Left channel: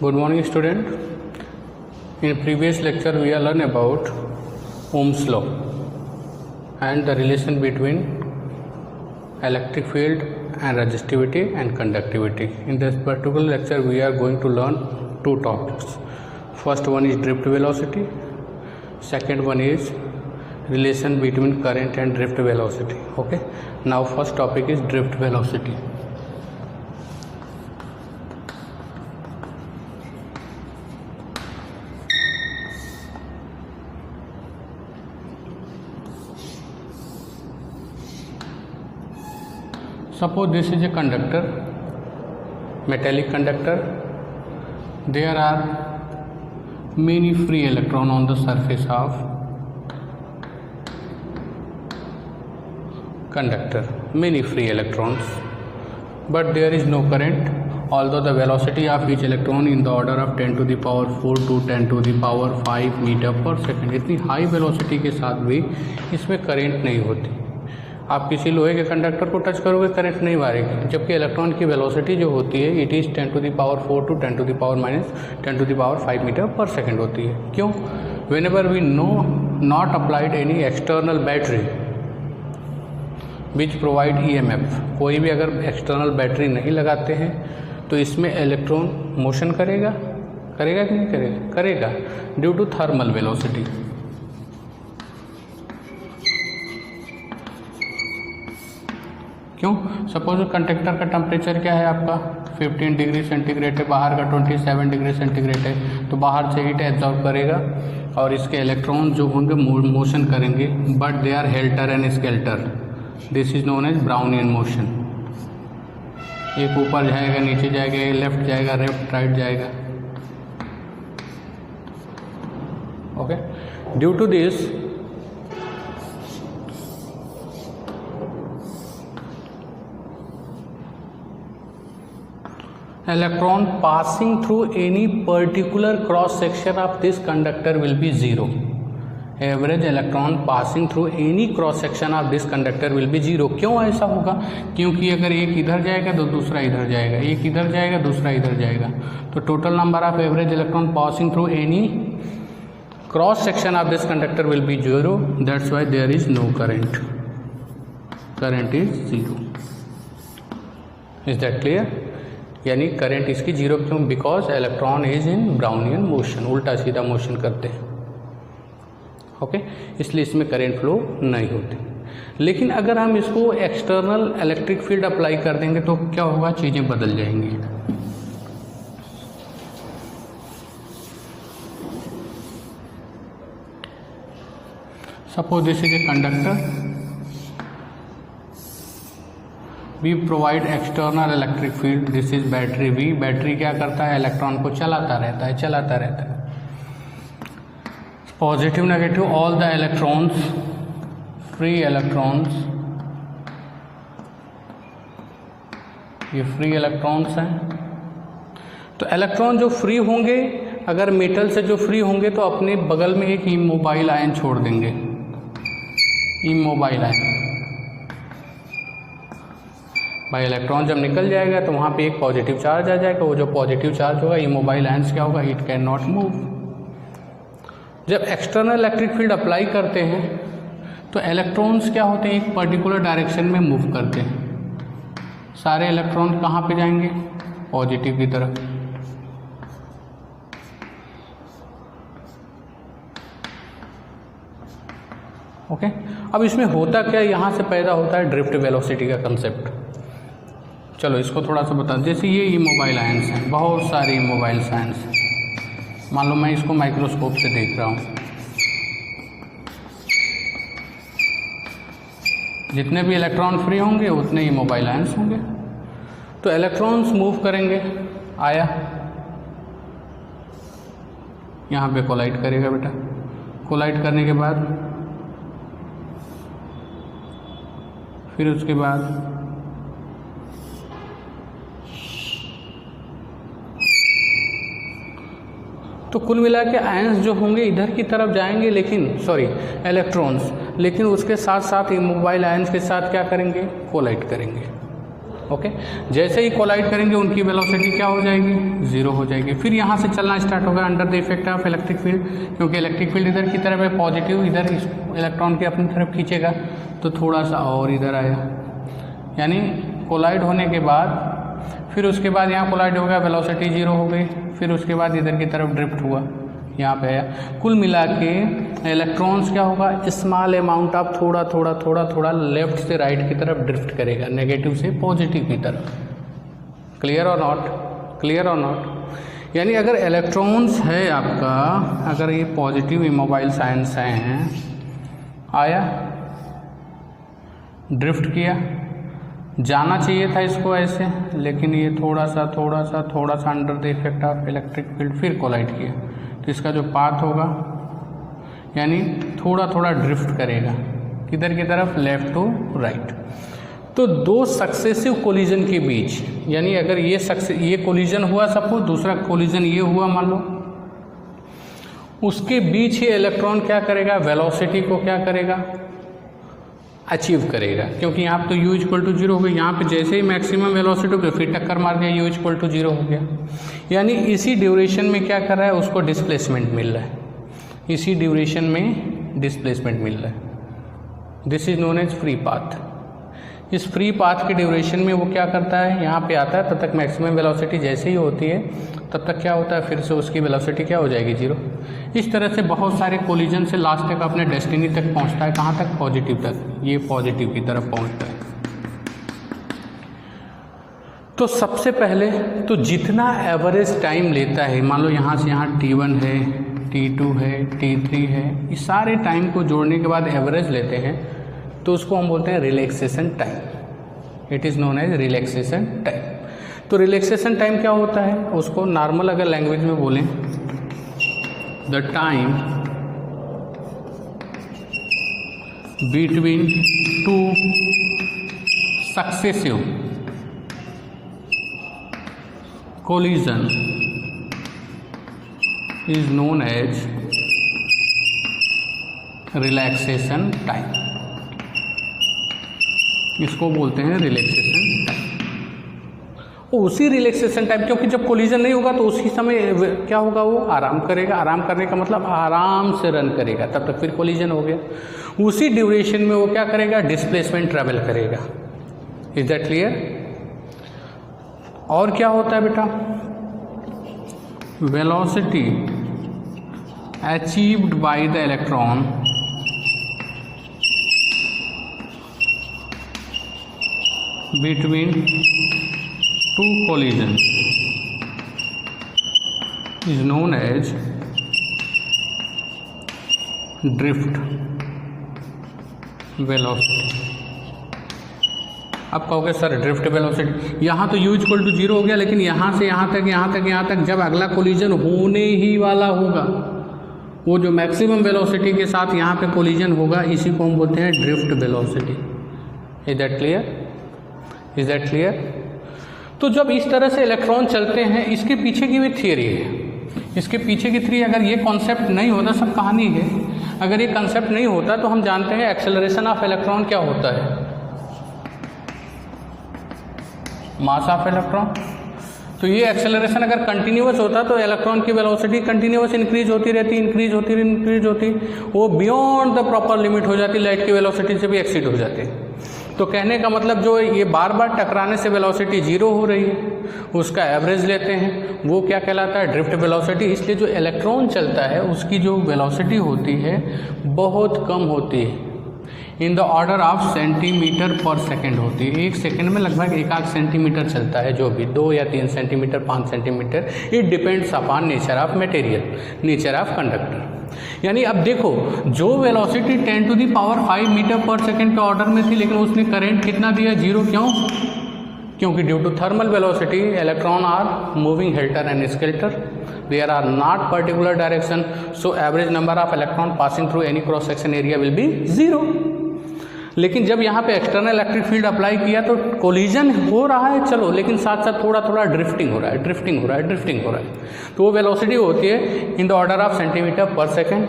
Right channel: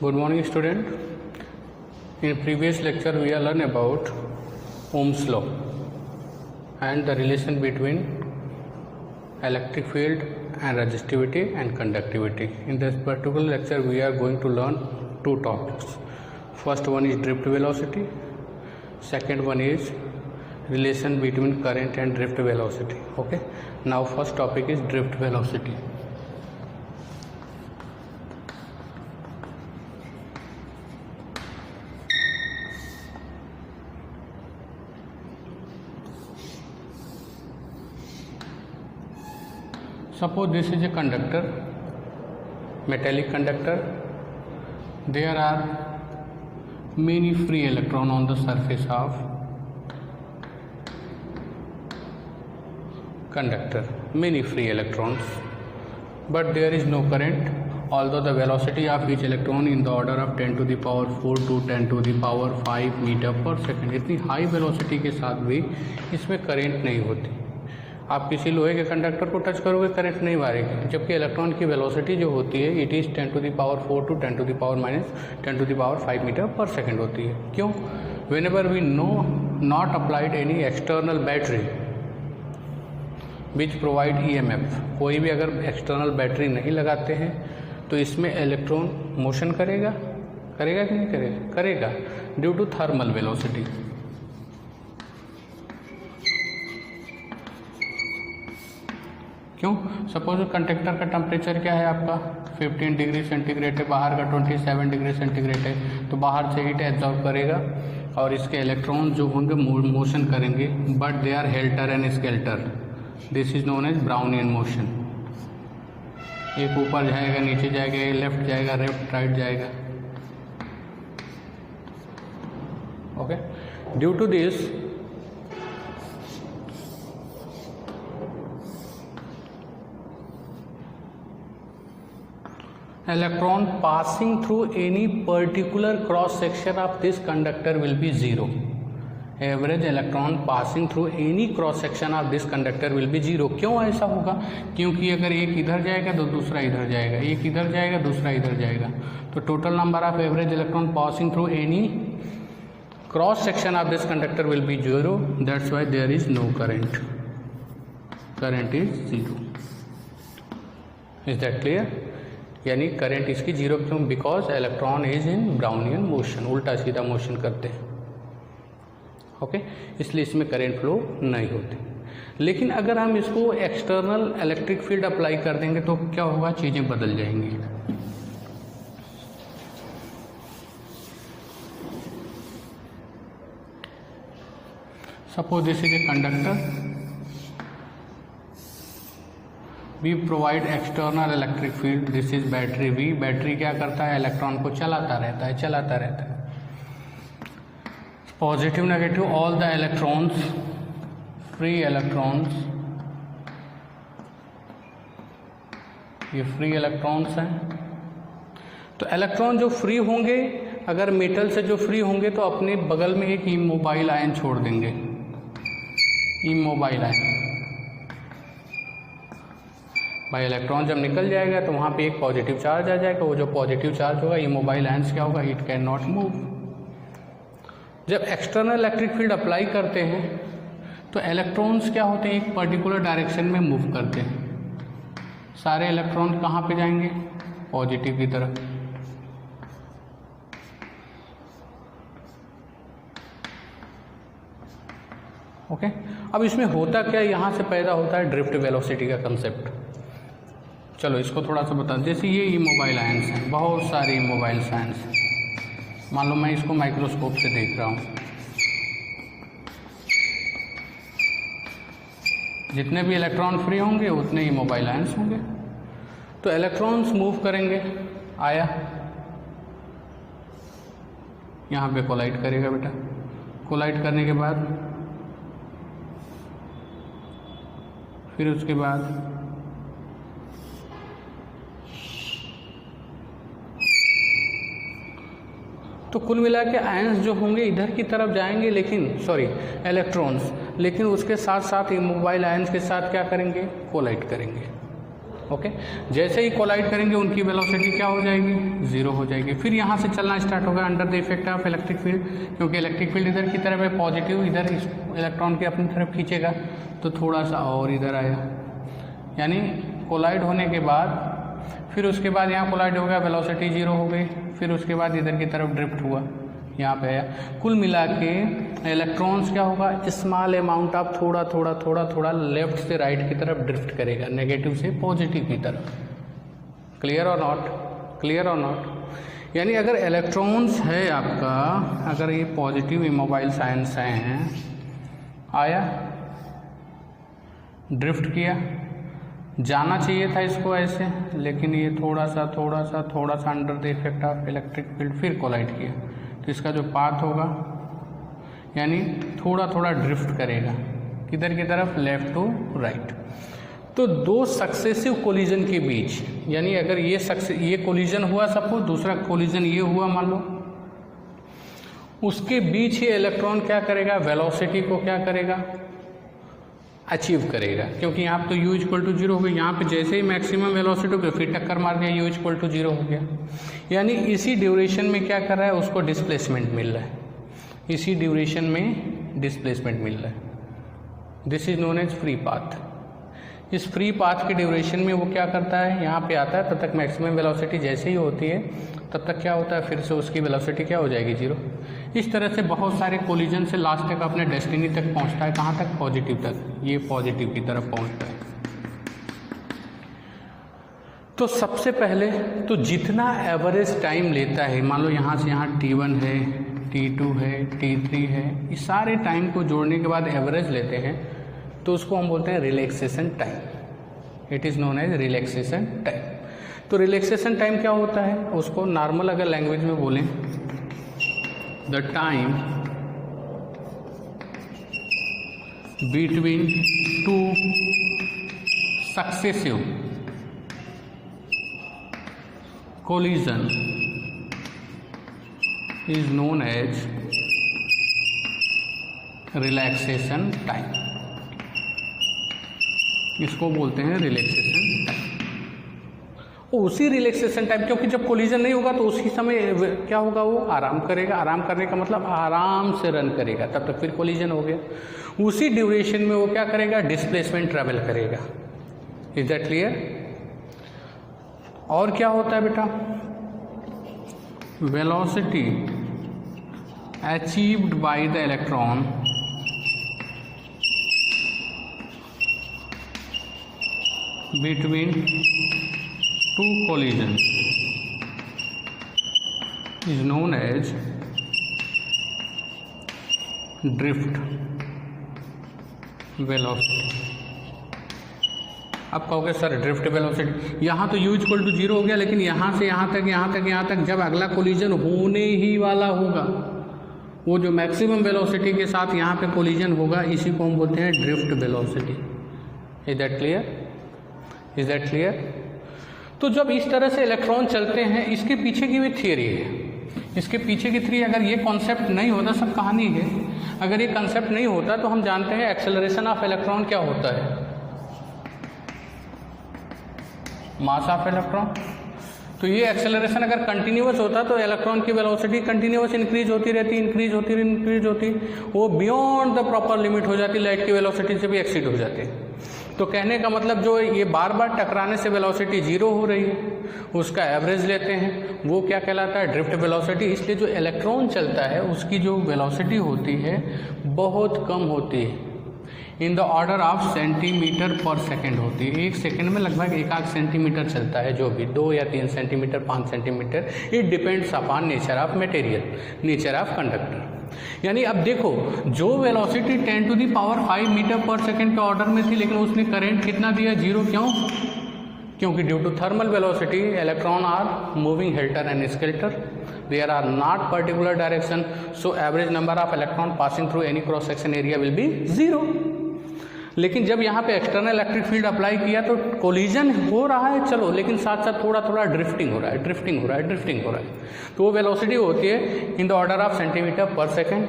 Good morning, student. In previous lecture, we have learned about Ohm's law and the relation between electric field and resistivity and conductivity. In this particular lecture, we are going to learn two topics. First one is drift velocity. Second one is relation between current and drift velocity. Okay. Now, first topic is drift velocity. Suppose this is a conductor, metallic conductor. There are many free electrons on the surface of conductor, many free electrons, but there is no current, although the velocity of each electron in the order of 10 to the power 4 to 10 to the power 5 meter पर second. इतनी high velocity के साथ भी इसमें current नहीं होती. आप किसी लोहे के कंडक्टर को टच करोगे करंट नहीं मारेगी, जबकि इलेक्ट्रॉन की वेलोसिटी जो होती है it is 10 to the power 4 to 10 to the power minus 10 to the power 5 meter पर सेकेंड होती है. क्यों? Whenever we no not applied any external battery which provide EMF, कोई भी अगर एक्सटर्नल बैटरी नहीं लगाते हैं तो इसमें इलेक्ट्रॉन मोशन करेगा कि नहीं करेगा? करेगा ड्यू टू थर्मल वेलोसिटी. क्यों? सपोज कंडक्टर का टेम्परेचर क्या है आपका 15 डिग्री सेंटीग्रेड है, बाहर का 27 डिग्री सेंटीग्रेड है, तो बाहर से हीट एब्जॉर्ब करेगा और इसके इलेक्ट्रॉन जो होंगे मोशन करेंगे, but they are helter and skelter. This is known as Brownian motion. एक ऊपर जाएगा, नीचे जाएगा, एक लेफ्ट जाएगा, राइट जाएगा. Okay. Due to this electron passing through any particular cross section of this conductor will be zero. Average electron passing through any cross section of this conductor will be zero. क्यों ऐसा होगा? क्योंकि अगर एक इधर जाएगा तो दूसरा इधर जाएगा, एक इधर जाएगा दूसरा इधर जाएगा, तो total number of average electron passing through any cross section of this conductor will be zero. That's why there is no current. Current is zero. Is that clear? यानी करंट इसकी जीरो. क्यों? Because electron is in Brownian motion, उल्टा सीधा motion करते हैं. Okay. इसलिए इसमें current flow नहीं होती. लेकिन अगर हम इसको एक्सटर्नल इलेक्ट्रिक फील्ड अप्लाई कर देंगे तो क्या होगा? चीज़ें बदल जाएंगी. Suppose this is a conductor. We provide external electric field. This is battery. We battery क्या करता है? इलेक्ट्रॉन को चलाता रहता है. Positive negative all the electrons, free electrons, ये फ्री इलेक्ट्रॉन्स हैं. तो इलेक्ट्रॉन जो फ्री होंगे, अगर मेटल से जो फ्री होंगे तो अपने बगल में एक इमोबाइल आयन छोड़ देंगे. इमोबाइल आयन भाई, इलेक्ट्रॉन जब निकल जाएगा तो वहाँ पे एक पॉजिटिव चार्ज आ जाएगा. वो जो पॉजिटिव चार्ज होगा, इमोबाइल आयंस क्या होगा? It can not move. जब एक्सटर्नल इलेक्ट्रिक फील्ड अप्लाई करते हैं तो इलेक्ट्रॉन्स क्या होते हैं? एक पर्टिकुलर डायरेक्शन में मूव करते हैं. सारे इलेक्ट्रॉन कहाँ पे जाएंगे? पॉजिटिव की तरफ. ओके. अब इसमें होता क्या? यहाँ से पैदा होता है ड्रिफ्ट वेलोसिटी का कंसेप्ट. चलो इसको थोड़ा सा बता. जैसे ये इमोबाइल आयंस हैं, बहुत सारे इमोबाइल आयंस हैं. मान लो मैं इसको माइक्रोस्कोप से देख रहा हूँ. जितने भी इलेक्ट्रॉन फ्री होंगे उतने इमोबाइल आयंस होंगे. तो इलेक्ट्रॉन्स मूव करेंगे. आया, यहाँ पे कोलाइड करेगा बेटा. कोलाइड करने के बाद फिर उसके बाद तो कुल मिला के आयंस जो होंगे इधर की तरफ जाएंगे, लेकिन इलेक्ट्रॉन्स, लेकिन उसके साथ साथ इमोबाइल आयंस के साथ क्या करेंगे? कोलाइड करेंगे. ओके, जैसे ही कोलाइड करेंगे उनकी वेलोसिटी क्या हो जाएगी, 0 हो जाएगी। फिर यहाँ से चलना स्टार्ट होगा under the effect of electric field, क्योंकि इलेक्ट्रिक फील्ड इधर की तरफ है, पॉजिटिव इधर इलेक्ट्रॉन के अपनी तरफ खींचेगा, तो थोड़ा सा और इधर आया, यानी कोलाइड होने के बाद फिर उसके बाद यहाँ कोलाइड हो गया, वेलोसिटी 0 हो गई, फिर उसके बाद इधर की तरफ ड्रिफ्ट हुआ, यहाँ पे आया। कुल मिला के इलेक्ट्रॉन्स क्या होगा, स्मॉल अमाउंट ऑफ थोड़ा थोड़ा थोड़ा थोड़ा लेफ्ट से राइट की तरफ ड्रिफ्ट करेगा, नेगेटिव से पॉजिटिव की तरफ। क्लियर और नॉट, क्लियर और नॉट। यानी अगर इलेक्ट्रॉन्स है आपका, अगर ये पॉजिटिव इमोबाइल साइंस हैं, आया ड्रिफ्ट किया, जाना चाहिए था इसको ऐसे, लेकिन ये थोड़ा सा under the effect of electric field फिर कोलाइड किया, तो इसका जो पाथ होगा यानी थोड़ा थोड़ा ड्रिफ्ट करेगा, किधर की तरफ, लेफ्ट टू राइट। तो दो सक्सेसिव कोलिजन के बीच, यानी अगर ये कोलिजन हुआ, सपोज दूसरा कोलिजन ये हुआ मान लो, उसके बीच ही इलेक्ट्रॉन क्या करेगा, वेलोसिटी को क्या करेगा, अचीव करेगा, क्योंकि यहाँ पे तो u इक्वल टू 0 हो गया, यहाँ पे जैसे ही मैक्सिमम वेलोसिटी हो गया फिर टक्कर मार दिया, u इक्वल टू 0 हो गया। यानी इसी ड्यूरेशन में क्या कर रहा है, उसको डिस्प्लेसमेंट मिल रहा है, इसी ड्यूरेशन में डिस्प्लेसमेंट मिल रहा है। This is known as free path. इस फ्री पाथ के ड्यूरेशन में वो क्या करता है, यहाँ पे आता है, तब तक मैक्सिमम वेलोसिटी जैसे ही होती है तब तक क्या होता है, फिर से उसकी वेलोसिटी क्या हो जाएगी, 0। इस तरह से बहुत सारे कोलिजन से लास्ट तक अपने डेस्टिनी तक पहुँचता है, कहाँ तक, पॉजिटिव तक, ये पॉजिटिव की तरफ पहुँचता है। तो सबसे पहले तो जितना एवरेज टाइम लेता है, मान लो यहाँ से यहाँ T1 है, T2 है, T3 है, इस सारे टाइम को जोड़ने के बाद एवरेज लेते हैं, तो उसको हम बोलते हैं relaxation time. It is known age relaxation time. तो रिलैक्सेशन टाइम क्या होता है, उसको नॉर्मल अगर लैंग्वेज में बोलें, the time between two successive collision is known as relaxation time। इसको बोलते हैं रिलैक्सेशन टाइम। उसी रिलैक्सेशन टाइम, क्योंकि जब कोलिजन नहीं होगा तो उसी समय क्या होगा, वो आराम करेगा। आराम करने का मतलब आराम से रन करेगा, तब तक फिर कोलिजन हो गया। उसी ड्यूरेशन में वो क्या करेगा, डिस्प्लेसमेंट ट्रेवल करेगा। Is that clear. और क्या होता है बेटा, velocity achieved by the electron between two collision is known as drift velocity. अब कहोगे सर ड्रिफ्ट वेलोसिटी, यहाँ तो u इक्वल टू 0 हो गया, लेकिन यहाँ से यहाँ तक जब अगला कोलिजन होने ही वाला होगा, वो जो मैक्सिमम वेलोसिटी के साथ यहाँ पे कोलिजन होगा, इसी को हम बोलते हैं drift velocity. Is that clear, is that clear. तो जब इस तरह से इलेक्ट्रॉन चलते हैं, इसके पीछे की भी थियरी है, इसके पीछे की थियरी, अगर ये कॉन्सेप्ट नहीं होता, सब कहानी है, अगर ये कॉन्सेप्ट नहीं होता तो हम जानते हैं एक्सेलरेशन ऑफ इलेक्ट्रॉन क्या होता है, मास ऑफ इलेक्ट्रॉन। तो ये एक्सेलरेशन अगर कंटिन्यूअस होता तो इलेक्ट्रॉन की वेलोसिटी कंटिन्यूअस इंक्रीज होती रहती, वो बियॉन्ड द प्रॉपर लिमिट हो जाती, लाइट की वेलोसिटी से भी एक्सीड हो जाती। तो कहने का मतलब जो ये बार बार टकराने से वेलोसिटी 0 हो रही है, उसका एवरेज लेते हैं, वो क्या कहलाता है, ड्रिफ्ट वेलोसिटी। इसलिए जो इलेक्ट्रॉन चलता है उसकी जो वेलोसिटी होती है बहुत कम होती है, in the order of centimetre पर सेकेंड होती है। एक सेकेंड में लगभग 1 सेंटीमीटर चलता है, जो भी 2 या 3 centimeter, 5 centimeter, it depends upon nature of material, nature of conductor. यानी अब देखो, जो velocity 10 to the power 5 meter पर सेकेंड के ऑर्डर में थी, लेकिन उसने करंट कितना दिया, 0। क्यों, क्योंकि due to thermal velocity electron are moving helter and skelter, there are not particular direction, so average number of electron passing through any cross section area will be 0। लेकिन जब यहाँ पे एक्सटर्नल इलेक्ट्रिक फील्ड अप्लाई किया तो collision हो रहा है, चलो, लेकिन साथ साथ थोड़ा थोड़ा ड्रिफ्टिंग हो रहा है। तो वो वेलोसिटी होती है in the order of centimetre पर सेकेंड।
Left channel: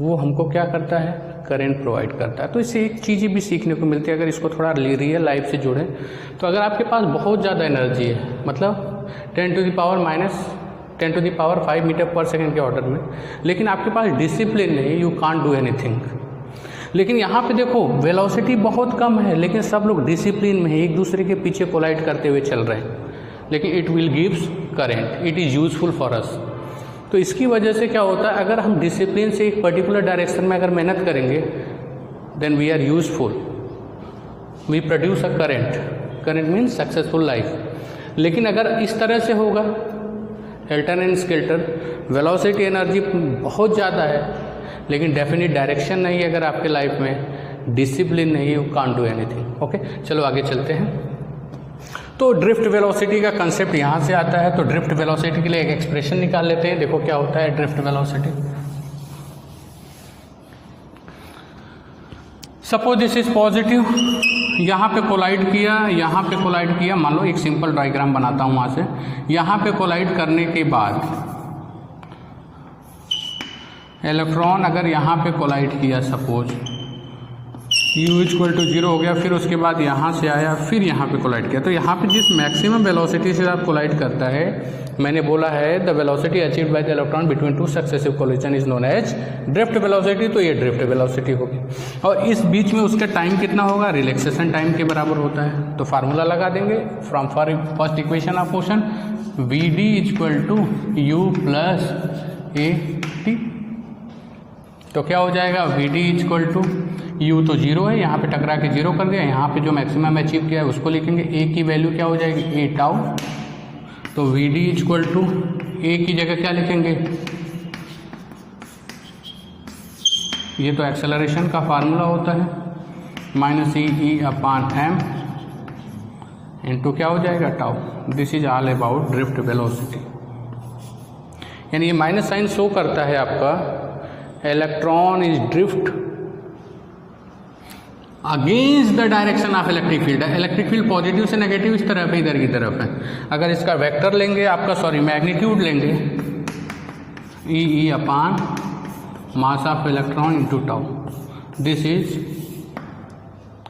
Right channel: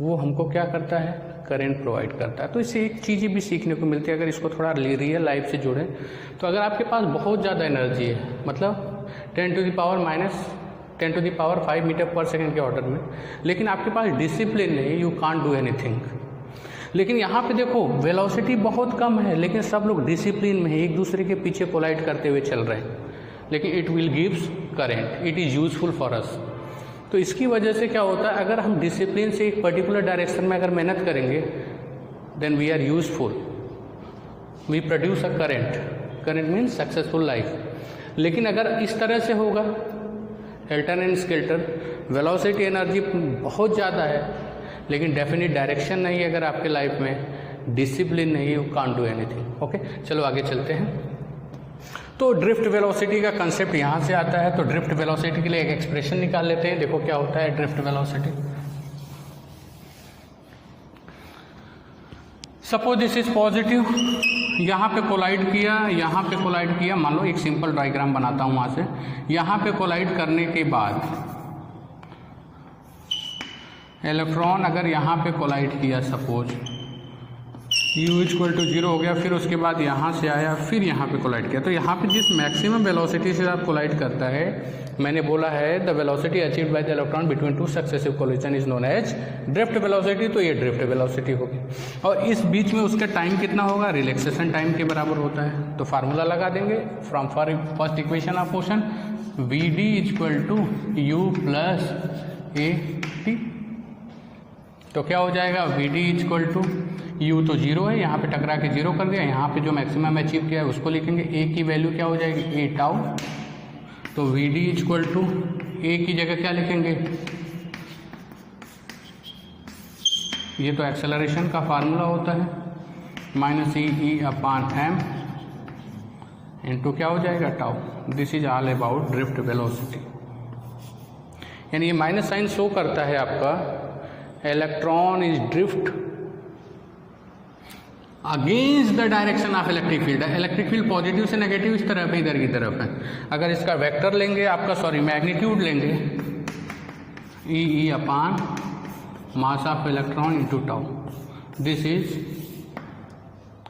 वो हमको क्या करता है, करंट प्रोवाइड करता है। तो इससे एक चीज़ भी सीखने को मिलती है, अगर इसको थोड़ा रियल लाइफ से जोड़ें तो अगर आपके पास बहुत ज़्यादा एनर्जी है, मतलब 10 to the power 5 मीटर पर सेकेंड के ऑर्डर में, लेकिन आपके पास डिसिप्लिन नहीं, यू कांट डू एनीथिंग। लेकिन यहाँ पे देखो वेलोसिटी बहुत कम है, लेकिन सब लोग डिसिप्लिन में है, एक दूसरे के पीछे कोलाइड करते हुए चल रहे हैं, लेकिन it will gives current, it is useful for us. तो इसकी वजह से क्या होता है, अगर हम डिसिप्लिन से एक पर्टिकुलर डायरेक्शन में अगर मेहनत करेंगे then we are useful, we produce a current means successful life. लेकिन अगर इस तरह से होगा helter and skelter, velocity energy बहुत ज़्यादा है लेकिन डेफिनेट डायरेक्शन नहीं है, अगर आपके लाइफ में डिसिप्लिन नहीं, you can't do anything. Okay, चलो आगे चलते हैं। तो ड्रिफ्ट वेलोसिटी का कंसेप्ट यहाँ से आता है। तो ड्रिफ्ट वेलोसिटी के लिए एक एक्सप्रेशन निकाल लेते हैं। देखो क्या होता है drift velocity. Suppose this is positive, यहाँ पे कोलाइड किया, यहाँ पे कोलाइड किया, मान लो एक सिंपल डायग्राम बनाता हूँ वहाँ से। यहाँ पे कोलाइड करने के बाद इलेक्ट्रॉन अगर यहाँ पे कोलाइड किया, सपोज u इक्वल टू 0 हो गया, फिर उसके बाद यहाँ से आया, फिर यहाँ पे कोलाइड किया, तो यहाँ पे जिस मैक्सिमम वेलोसिटी से आप कोलाइड करता है, मैंने बोला है the velocity achieved by the electron between two successive collision is known as drift velocity. तो ये ड्रिफ्ट वेलोसिटी होगी, और इस बीच में उसका टाइम कितना होगा, रिलैक्सेशन टाइम के बराबर होता है। तो फार्मूला लगा देंगे from first equation of motion, v d equal to u plus a t. तो क्या हो जाएगा, v d equal to u तो 0 है, यहाँ पे टकरा के 0 कर दिया, यहाँ पे जो मैक्सिमम अचीव किया है उसको लिखेंगे, a की वैल्यू क्या हो जाएगी, a टाउ। तो v d equal to a की जगह क्या लिखेंगे, ये तो एक्सेलरेशन का फार्मूला होता है, minus e upon m into क्या हो जाएगा, tau. This is all about drift velocity. यानी ये माइनस साइन शो करता है आपका electron is drift against the direction of electric field. Electric field positive से नेगेटिव इस तरफ है, इधर की तरफ है। अगर इसका वेक्टर लेंगे आपका मैग्नीट्यूड लेंगे, ई upon mass of electron into tau, this is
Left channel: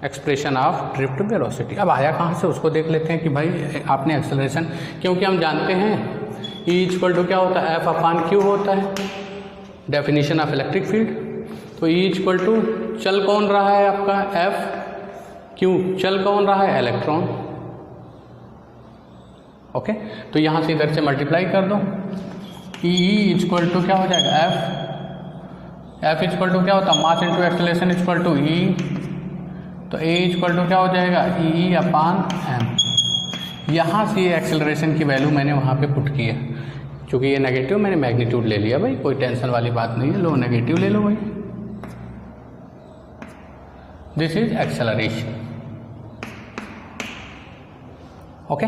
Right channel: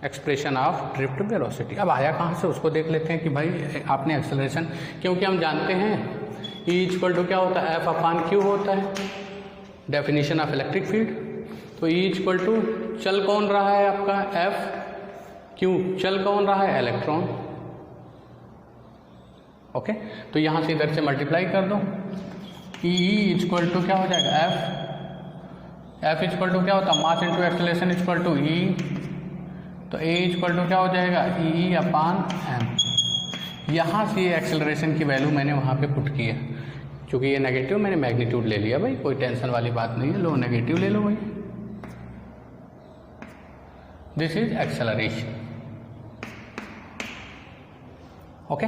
expression of drift velocity. अब आया कहाँ से उसको देख लेते हैं कि भाई आपने एक्सेलरेशन, क्योंकि हम जानते हैं ई इक्वल टू क्या होता है, एफ अपॉन क्यू होता है, डेफिनेशन ऑफ इलेक्ट्रिक फील्ड। तो ई इक्वल टू चल कौन रहा है आपका, एफ, क्यू चल कौन रहा है, इलेक्ट्रॉन। ओके, तो यहां से इधर से मल्टीप्लाई कर दो, ई इक्वल टू क्या हो जाएगा, एफ इक्वल टू क्या होता है, mass into acceleration equal to E. तो ए इक्वल टू क्या हो जाएगा, ई अपॉन एम। यहां से एक्सेलरेशन की वैल्यू मैंने वहां पे पुट की है, क्योंकि ये नेगेटिव मैंने मैग्नीट्यूड ले लिया भाई, कोई टेंशन वाली बात नहीं है, लो नेगेटिव ले लो भाई। This is acceleration. ओके,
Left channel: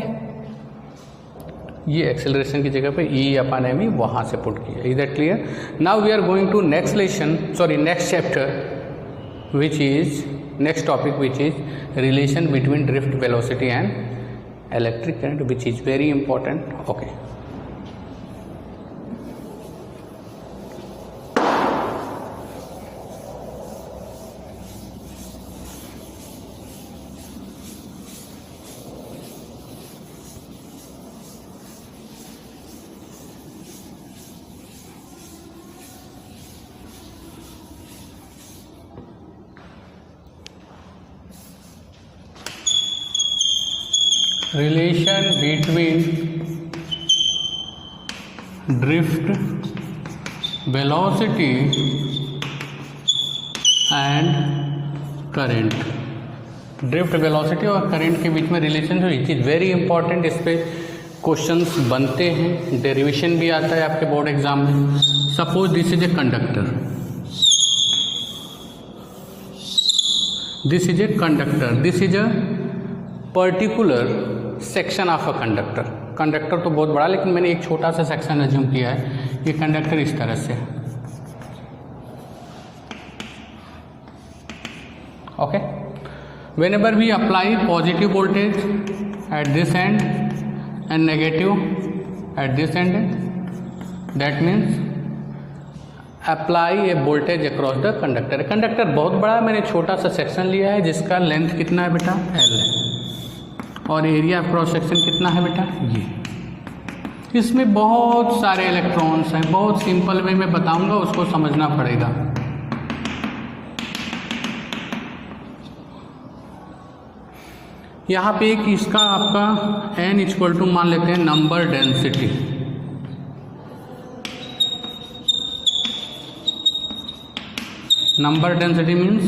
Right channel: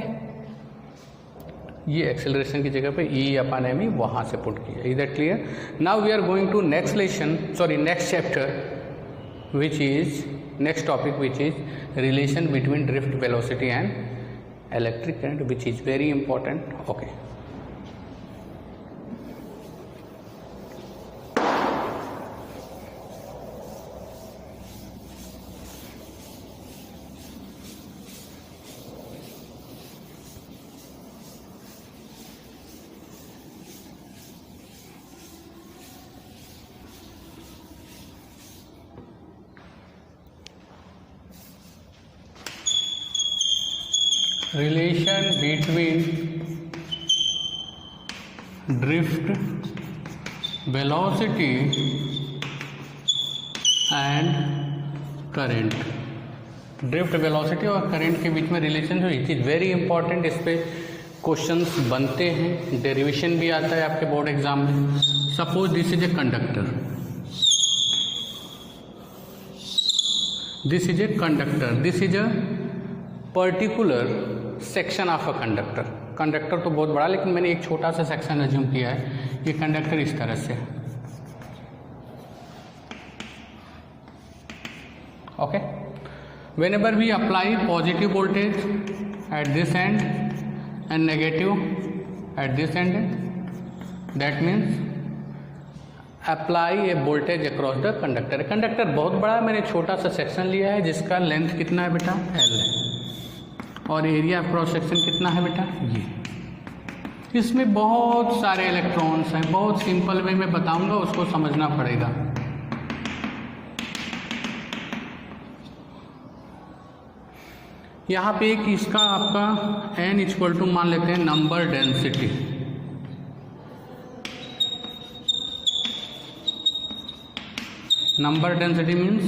ये एक्सेलरेशन की जगह पे ई अपॉन एम वहां से पुट किया। Is that clear? Now we are going to next lesson, sorry next chapter, which is next topic, which is relation between drift velocity and electric current, which is very important. Okay, relation between drift velocity and current। Drift velocity और current के बीच में relation जो it is very important, इस पे questions बनते हैं, derivation भी आता है आपके बोर्ड एग्जाम में। Suppose this is a conductor, this is a conductor, this is a particular section of a conductor. Conductor तो बहुत बड़ा, लेकिन मैंने एक छोटा सा सेक्शन अज्यूम किया है। ये कंडक्टर इस तरह से, okay. Whenever we apply positive voltage at this end and negative at this end, that means apply a voltage across the conductor. Conductor बहुत बड़ा, मैंने छोटा सा सेक्शन लिया है जिसका लेंथ कितना है बेटा, L है, और एरिया क्रॉस सेक्शन कितना है बेटा, ये। इसमें बहुत सारे इलेक्ट्रॉन्स हैं, बहुत सिंपल वे में बताऊंगा, उसको समझना पड़ेगा। यहाँ पे एक इसका आपका n इक्वल टू मान लेते हैं number density. Number density means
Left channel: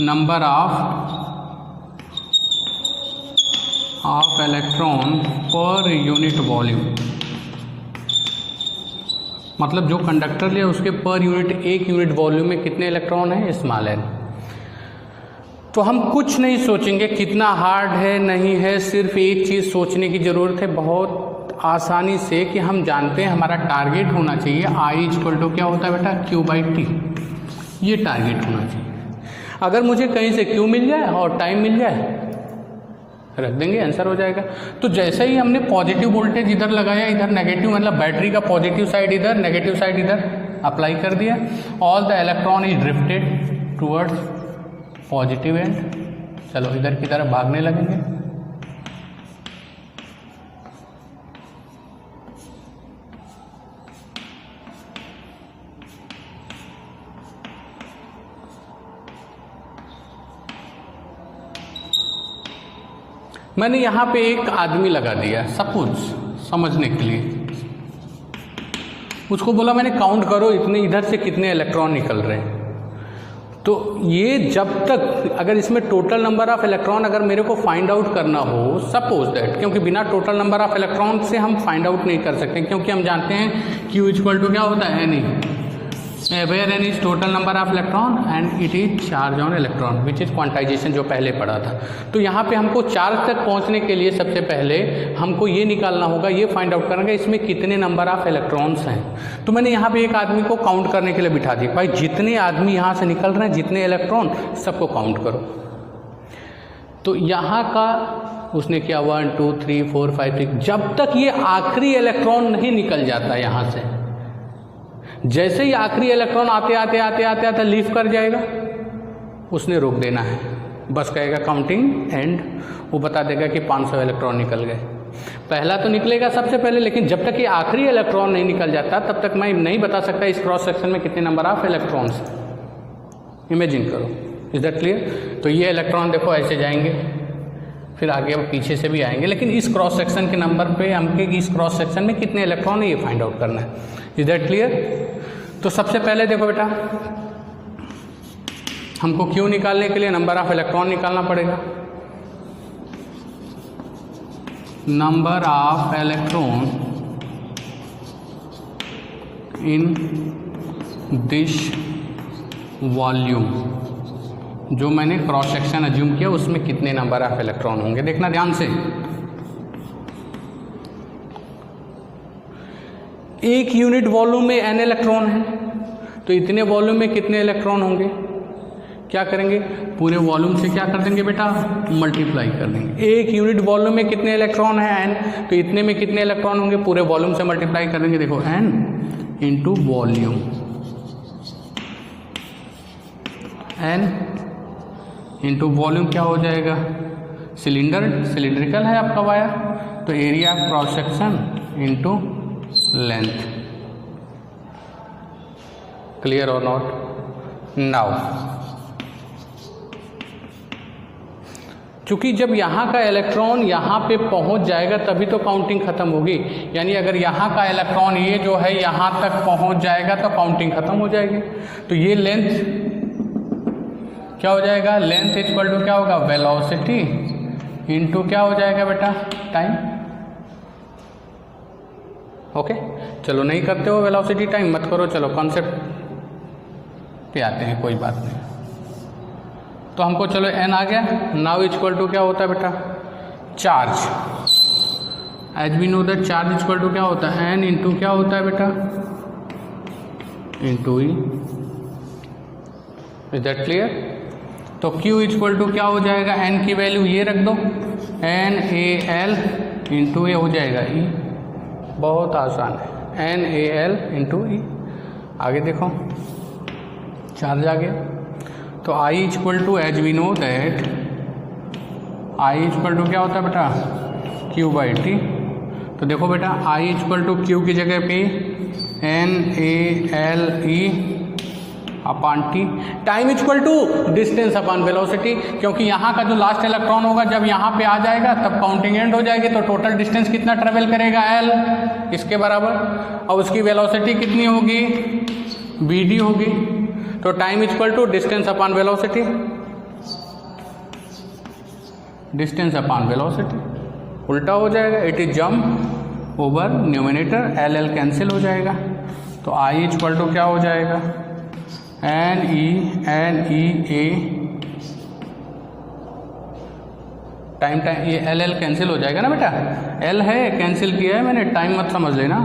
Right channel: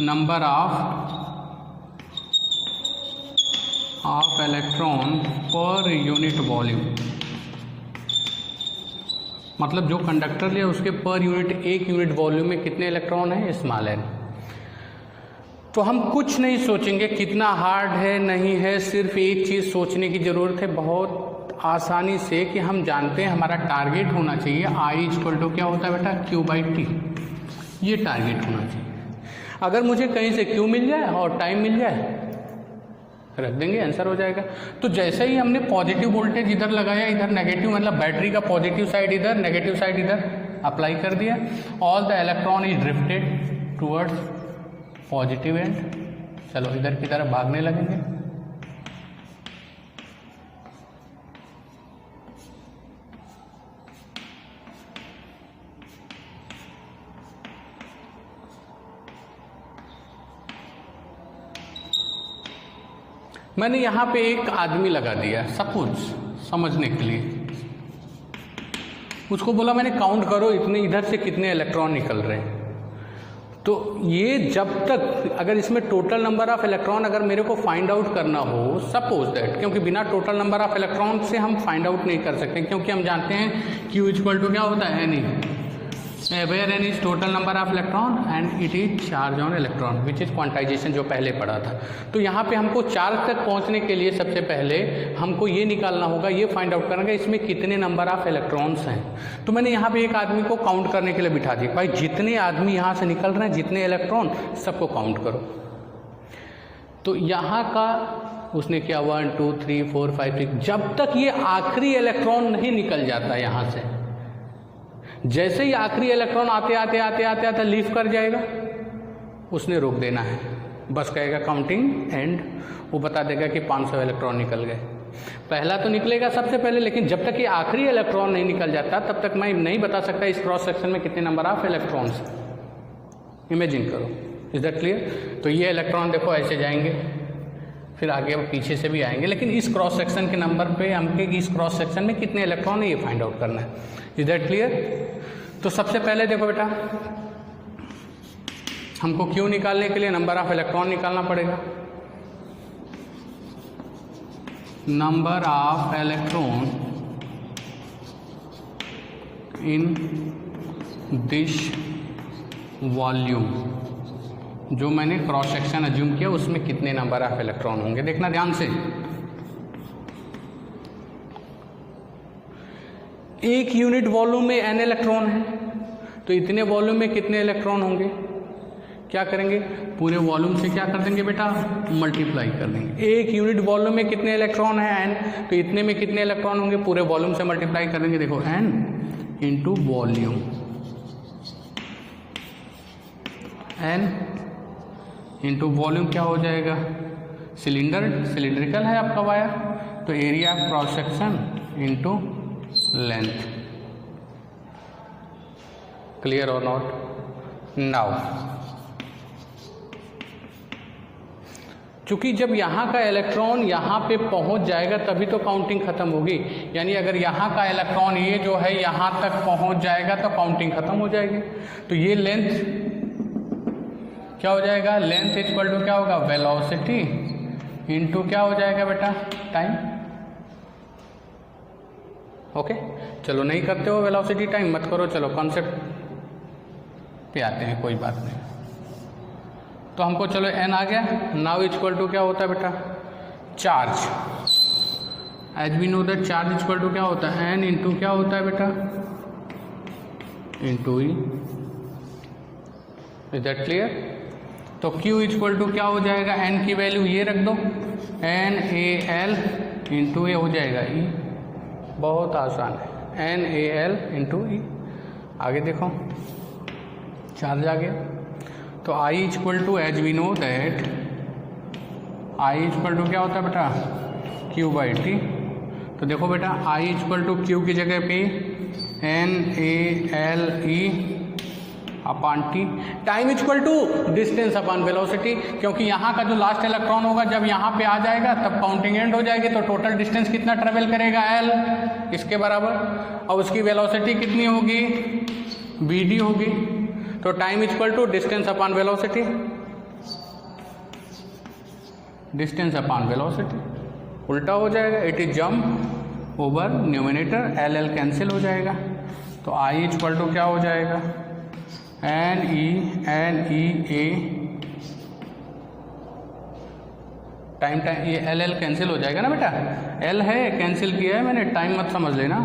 number of electron per unit volume, मतलब जो कंडक्टर लिया उसके पर यूनिट, एक यूनिट वॉल्यूम में कितने इलेक्ट्रॉन हैं, स्मॉल n। तो हम कुछ नहीं सोचेंगे कितना हार्ड है नहीं है, सिर्फ एक चीज़ सोचने की ज़रूरत है बहुत आसानी से, कि हम जानते हैं हमारा टारगेट होना चाहिए I इक्वल टू क्या होता है बेटा, Q/T। ये टारगेट होना चाहिए। अगर मुझे कहीं से Q मिल जाए और टाइम मिल जाए, रख देंगे, आंसर हो जाएगा। तो जैसे ही हमने पॉजिटिव वोल्टेज इधर लगाया, इधर नेगेटिव, मतलब बैटरी का पॉजिटिव साइड इधर, नेगेटिव साइड इधर अप्लाई कर दिया, all the electron is drifted towards positive and. चलो इधर की तरफ भागने लगेंगे। मैंने यहाँ पे एक आदमी लगा दिया सपोज, समझने के लिए। उसको बोला मैंने काउंट करो इतने, इधर से कितने इलेक्ट्रॉन निकल रहे हैं। तो ये जब तक, अगर इसमें टोटल नंबर ऑफ इलेक्ट्रॉन अगर मेरे को फाइंड आउट करना हो, सपोज दैट, क्योंकि बिना टोटल नंबर ऑफ इलेक्ट्रॉन से हम फाइंड आउट नहीं कर सकते, क्योंकि हम जानते हैं Q इक्वल टू क्या होता है, N, where N is total number of electron and it is charge on electron which is quantization, जो पहले पढ़ा था। तो यहाँ पे हमको चार्ज तक पहुँचने के लिए सबसे पहले हमको ये निकालना होगा, ये फाइंड आउट करना इसमें कितने नंबर ऑफ इलेक्ट्रॉन्स हैं। तो मैंने यहाँ पे एक आदमी को काउंट करने के लिए बिठा दिया, भाई जितने आदमी यहाँ से निकल रहे हैं, जितने इलेक्ट्रॉन, सबको काउंट करो। तो यहाँ का उसने किया 1 2 3 4 5 6, जब तक ये आखिरी इलेक्ट्रॉन नहीं निकल जाता यहाँ से। जैसे ही आखिरी इलेक्ट्रॉन आते आते आते आते आते लीव कर जाएगा, उसने रोक देना है, बस कहेगा काउंटिंग एंड, वो बता देगा कि 500 इलेक्ट्रॉन निकल गए। पहला तो निकलेगा सबसे पहले, लेकिन जब तक ये आखिरी इलेक्ट्रॉन नहीं निकल जाता तब तक मैं नहीं बता सकता इस क्रॉस सेक्शन में कितने नंबर ऑफ इलेक्ट्रॉन्स। इमेजिन करो, इज दैट क्लियर। तो ये इलेक्ट्रॉन देखो ऐसे जाएंगे, फिर आगे पीछे से भी आएंगे, लेकिन इस क्रॉस सेक्शन के नंबर पे हमके इस क्रॉस सेक्शन में कितने इलेक्ट्रॉन है ये फाइंड आउट करना है। Is that clear. तो सबसे पहले देखो बेटा, हमको Q निकालने के लिए नंबर ऑफ इलेक्ट्रॉन निकालना पड़ेगा। Number of electron in this volume, जो मैंने क्रॉस सेक्शन अज्यूम किया उसमें कितने नंबर ऑफ इलेक्ट्रॉन होंगे, देखना ध्यान से। एक यूनिट वॉल्यूम में n इलेक्ट्रॉन है, तो इतने वॉल्यूम में कितने इलेक्ट्रॉन होंगे, क्या करेंगे, पूरे वॉल्यूम से क्या कर देंगे बेटा, मल्टीप्लाई कर देंगे। एक यूनिट वॉल्यूम में कितने इलेक्ट्रॉन है n, तो इतने में कितने इलेक्ट्रॉन होंगे, पूरे वॉल्यूम से मल्टीप्लाई कर देंगे। देखो n into volume, n into volume क्या हो जाएगा, सिलेंडर, सिलिंड्रिकल है आपका वायर, तो area of cross section into length. Clear और नॉट। नाउ क्योंकि जब यहाँ का इलेक्ट्रॉन यहाँ पे पहुँच जाएगा तभी तो काउंटिंग खत्म होगी, यानी अगर यहाँ का इलेक्ट्रॉन ये जो है यहाँ तक पहुँच जाएगा तो काउंटिंग खत्म हो जाएगी। तो ये लेंथ क्या हो जाएगा, लेंथ इक्वल टू क्या होगा, वेलोसिटी इनटू क्या हो जाएगा बेटा, टाइम। ओके चलो नहीं करते हो वेलोसिटी टाइम मत करो, चलो कॉन्सेप्ट पे आते हैं, कोई बात नहीं। तो हमको चलो n आ गया। नाउ इक्वल टू क्या होता है बेटा, charge. As we know that charge equal to क्या होता है, n इंटू क्या होता है बेटा, into e. Is that clear. तो q इक्वल टू क्या हो जाएगा, n की वैल्यू ये रख दो, NaL इंटू ए हो जाएगा e, बहुत आसान है, NaL इंटू ई। आगे देखो चार्ज आ गया। तो I equal to as we know that I equal to क्या होता है बेटा Q/T। तो देखो बेटा I इक्वल टू Q की जगह पे NaLe/T। Time equal to distance upon velocity, क्योंकि यहाँ का जो लास्ट इलेक्ट्रॉन होगा जब यहाँ पे आ जाएगा तब काउंटिंग एंड हो जाएगी, तो टोटल डिस्टेंस कितना ट्रेवल करेगा L इसके बराबर, और उसकी वेलोसिटी कितनी होगी Vd होगी। तो time equal to distance upon velocity, distance upon velocity उल्टा हो जाएगा। It is jump over numerator, L cancel हो जाएगा। तो I इक्वल टू क्या हो जाएगा NE/A टाइम ये L कैंसिल हो जाएगा ना बेटा, L है कैंसिल किया है मैंने, टाइम मत समझ लेना।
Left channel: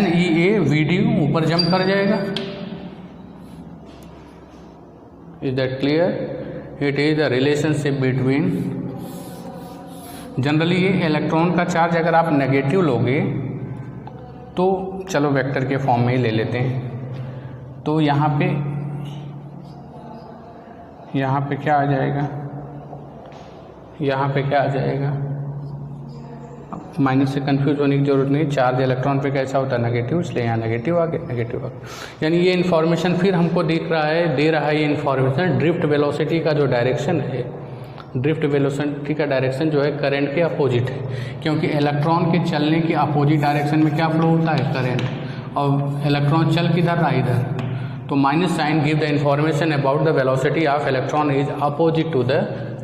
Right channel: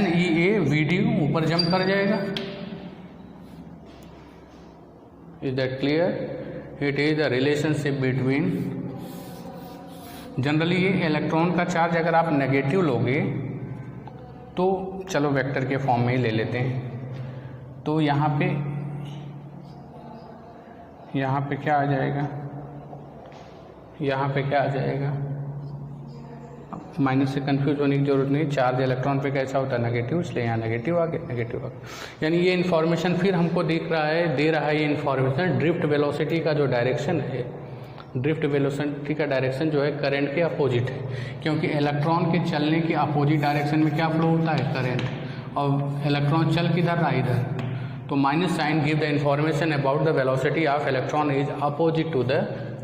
NEA Vd ऊपर जंप कर जाएगा। Is that clear? It is the relationship between, generally ये इलेक्ट्रॉन का चार्ज अगर आप नेगेटिव लोगे तो चलो वेक्टर के फॉर्म में ही ले लेते हैं। तो यहाँ पे क्या आ जाएगा, यहाँ पे क्या आ जाएगा, माइनस से कंफ्यूज होने की जरूरत नहीं। चार्ज इलेक्ट्रॉन पे कैसा होता है नेगेटिव, इसलिए यहाँ नेगेटिव आ गया, नेगेटिव आ गया। यानी ये इन्फॉर्मेशन फिर हमको दे रहा है ये इन्फॉर्मेशन ड्रिफ्ट वेलोसिटी का जो डायरेक्शन है, ड्रिफ्ट वेलोसिटी का डायरेक्शन जो है करंट के अपोजिट है, क्योंकि इलेक्ट्रॉन के चलने के अपोजिट डायरेक्शन में क्या फ्लो होता है करंट, और इलेक्ट्रॉन चल किधर रहा इधर। तो minus sign give the information about the velocity of electron is opposite to the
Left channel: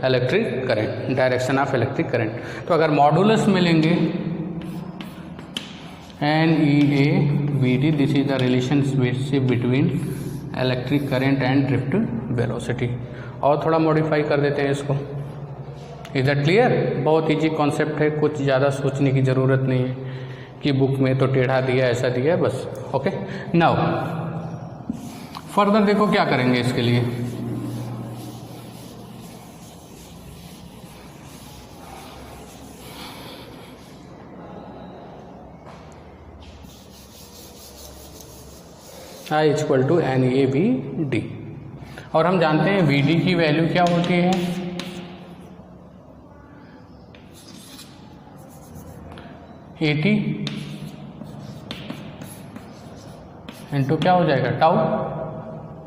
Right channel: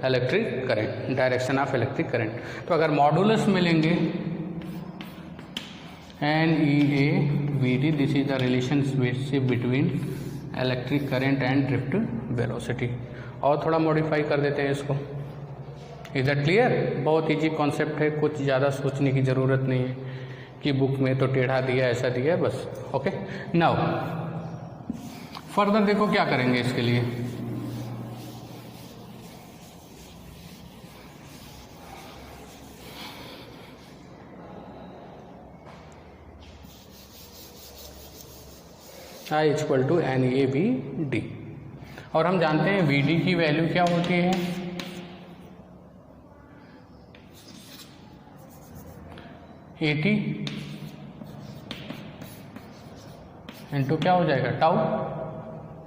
electric current, direction of electric current. तो अगर मॉडुलस मिलेंगे NeA/Vd, this is the relationship between electric current and drift velocity. और थोड़ा modify कर देते हैं इसको। Is that clear? बहुत ईजी कॉन्सेप्ट है, कुछ ज़्यादा सोचने की ज़रूरत नहीं है कि बुक में तो टेढ़ा दिया ऐसा दिया है बस। ओके, नाउ फर्दर देखो क्या करेंगे इसके लिए। I इक्वल टू NeA/Vd, और हम जानते हैं Vd की वैल्यू क्या होती है, AT इंटू क्या हो जाएगा टाउ,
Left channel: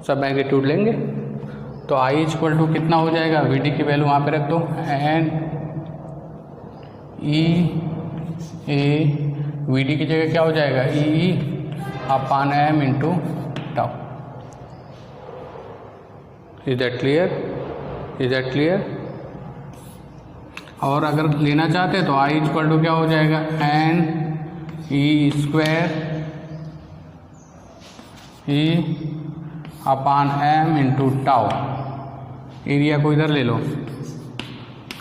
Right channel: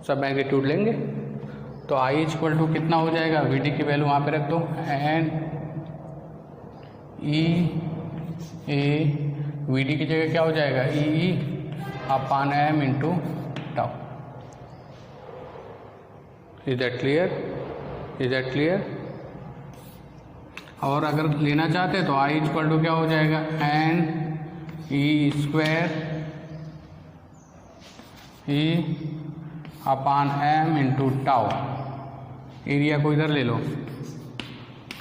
सब मैग्नीट्यूड लेंगे। तो I इक्वल टू कितना हो जाएगा, Vd की वैल्यू वहाँ पे रख दो, NeA/Vd की जगह क्या हो जाएगा E/m into tau. Is that clear? Is that clear? और अगर लेना चाहते हैं तो I इक्वल टू क्या हो जाएगा NE/m इंटू टाउ। एरिया को इधर ले लो,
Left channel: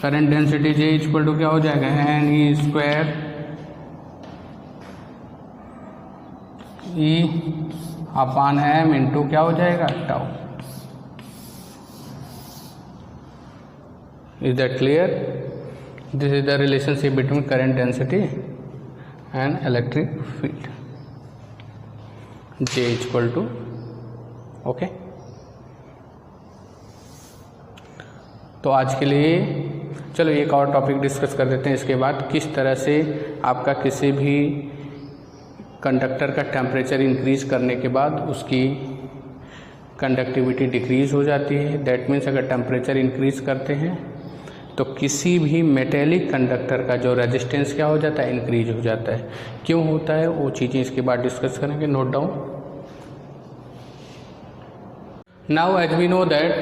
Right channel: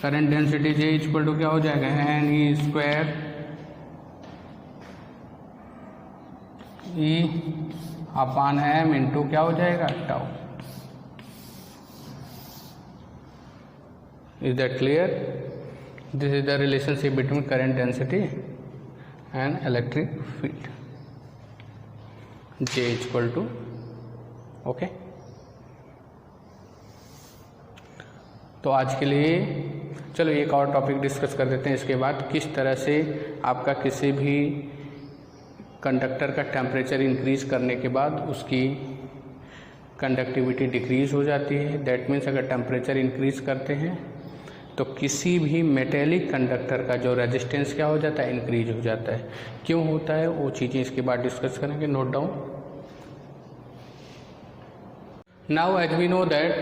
current density J equal to क्या हो जाएगा NE/m इंटू क्या हो जाएगा tau. Is that clear? This is the relationship between current density and electric field. J equal to, okay? तो आज के लिए चलो एक और टॉपिक डिस्कस कर देते हैं। इसके बाद किस तरह से आपका किसी भी कंडक्टर का टेम्परेचर इंक्रीज करने के बाद उसकी कंडक्टिविटी डिक्रीज हो जाती है। दैट मीन्स अगर टेम्परेचर इंक्रीज करते हैं तो किसी भी मेटेलिक कंडक्टर का जो रेजिस्टेंस क्या हो जाता है, इंक्रीज हो जाता है। क्यों होता है वो चीज़ें इसके बाद डिस्कस करेंगे, note down. Now as we know that,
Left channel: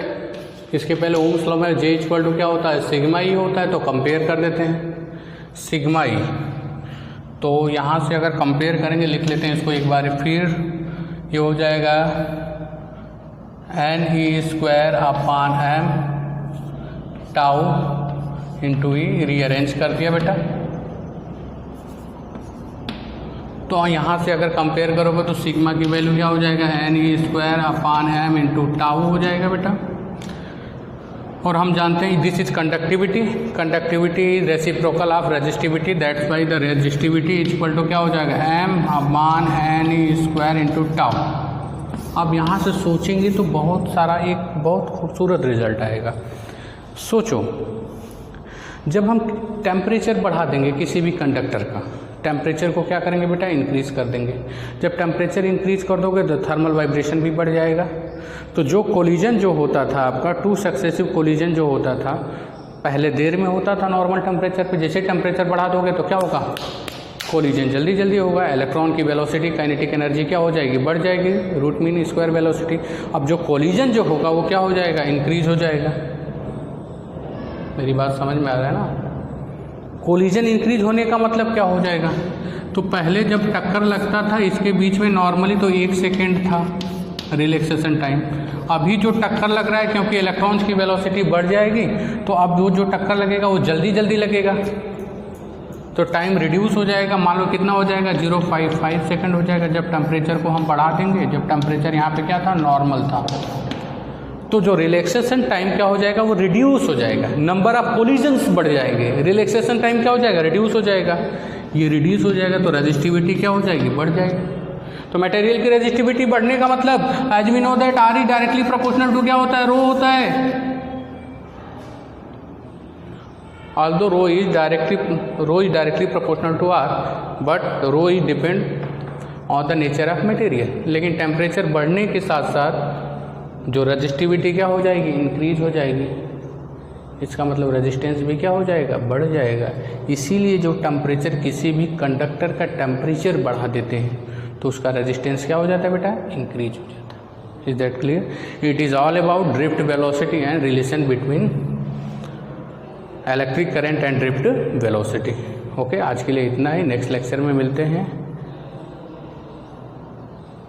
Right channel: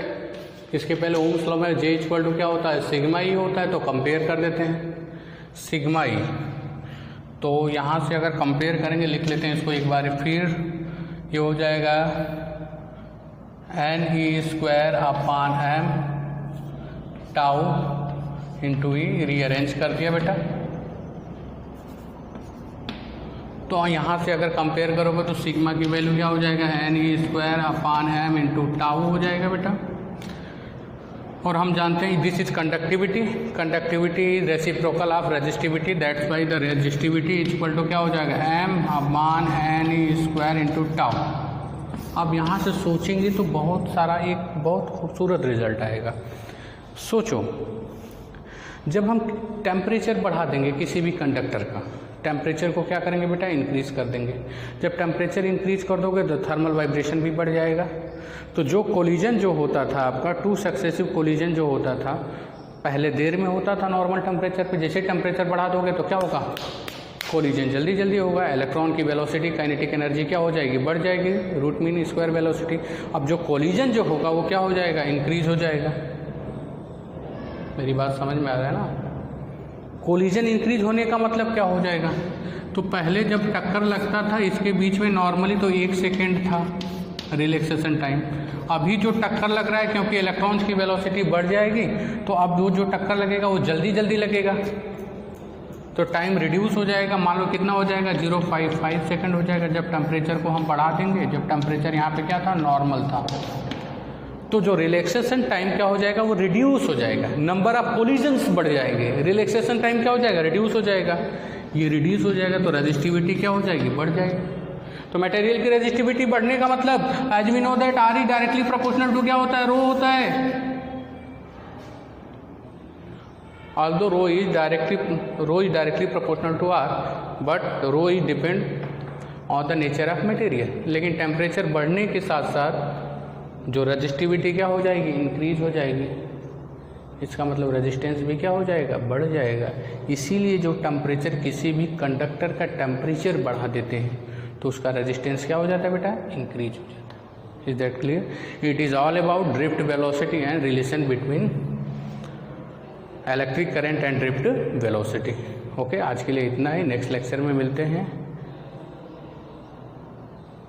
इसके पहले ओम्स लॉ में J इक्वल टू क्या होता है, सिग्मा ई होता है। तो कंपेयर कर देते हैं सिग्मा ई। तो यहाँ से अगर कंपेयर करेंगे, लिख लेते हैं इसको एक बार फिर, ये हो जाएगा NE/m टाउ इंटू ई, रीअरेंज कर दिया बेटा। तो यहाँ से अगर कंपेयर करोगे तो सिग्मा की वैल्यू क्या हो जाएगा NE/m इंटू टाउ हो जाएगा बेटा। और हम जानते हैं this is conductivity, conductivity is reciprocal of resistivity, that's why the resistivity equal to क्या हो जाएगा M/NE² इंटू टाउ। अब यहाँ से सोचेंगे तो बहुत सारा एक बहुत खूबसूरत रिजल्ट आएगा। सोचो, जब हम टेम्परेचर बढ़ा देंगे किसी भी कंडक्टर का, टेम्परेचर को क्या करेंगे बेटा, इंक्रीज कर देंगे। जब टेम्परेचर इंक्रीज कर दोगे तो थर्मल वाइब्रेशन भी बढ़ जाएगा। तो जो कोलिजन जो होता था आपका, 2 सक्सेसिव कोलिजन जो होता था, पहले देर में होता था नॉर्मल टेम्परेचर पे, जैसे टेम्परेचर बढ़ा दोगे तो क्या होगा, कोलिजन जल्दी जल्दी होगा। इलेक्ट्रॉन की वेलोसिटी, काइनेटिक एनर्जी क्या हो जाएगी, बढ़ जाएगी, रूट मीन स्क्वायर वेलोसिटी। अब जो कोलिजन जो होगा वो क्या हो जाएगा, इंक्रीज हो जाएगा। मेरी बात समझ में आ रहा है ना? कोलिजन इंक्रीज होने का मतलब क्या हो जाएगा, तो पहले जब टक्कर लगता था इसके बीच में नॉर्मली तो 1 सेकेंड था रिलैक्सेशन टाइम। अभी जो टक्कर लग रहा है, क्योंकि इलेक्ट्रॉन्स की वेलोसिटी बढ़ जाएगी, तो अब वो जो टक्कर लगेगा वो जल्दी जल्दी लगेगा, तो टाइम रिड्यूस हो जाएगा। मान लो कितना हो जाएगा, 0.55 सेकेंड हो जाएगा। जब टेम्परेचर को हम बढ़ा देंगे, जब टेम्परेचर यहाँ पे क्या था, नॉर्मल था, तो जो रिलैक्सेशन टाइम क्या हो जाएगा, वो रिड्यूस हो जाएगा। नंबर ऑफ कोलिजन्स बढ़ जाएंगे, रिलैक्सेशन टाइम क्या हो जाएगा, रिड्यूस हो जाएगा। ये रिड्यूस हो जाएगा तो रेजिस्टिविटी क्या हो जाएगी, बढ़ जाएगी। तो मटेरियल की रेजिस्टिविटी बढ़ने का मतलब, as we know that R is directly proportional to क्या होता है, रो होता है। although rho is directly proportional to r, but rho is depend on the nature of material। लेकिन टेम्परेचर बढ़ने के साथ साथ जो रेजिस्टिविटी क्या हो जाएगी, इंक्रीज हो जाएगी। इसका मतलब रेजिस्टेंस भी क्या हो जाएगा, बढ़ जाएगा। इसीलिए जो टेम्परेचर, किसी भी कंडक्टर का टेम्परेचर बढ़ा देते हैं तो उसका रेजिस्टेंस क्या हो जाता है बेटा, इंक्रीज हो जाता है। Is that clear? It is all about drift velocity and relation between electric current and drift velocity. Okay, आज के लिए इतना ही। नेक्स्ट लेक्चर में मिलते हैं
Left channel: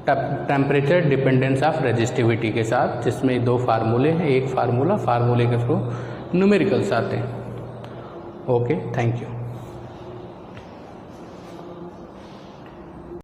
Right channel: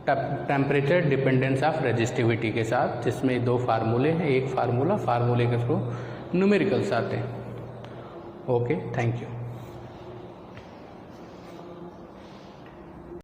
टेम्परेचर डिपेंडेंस ऑफ रेजिस्टिविटी के साथ, जिसमें 2 फार्मूले हैं। एक फार्मूले के थ्रू न्यूमेरिकल्स आते हैं। Okay, thank you.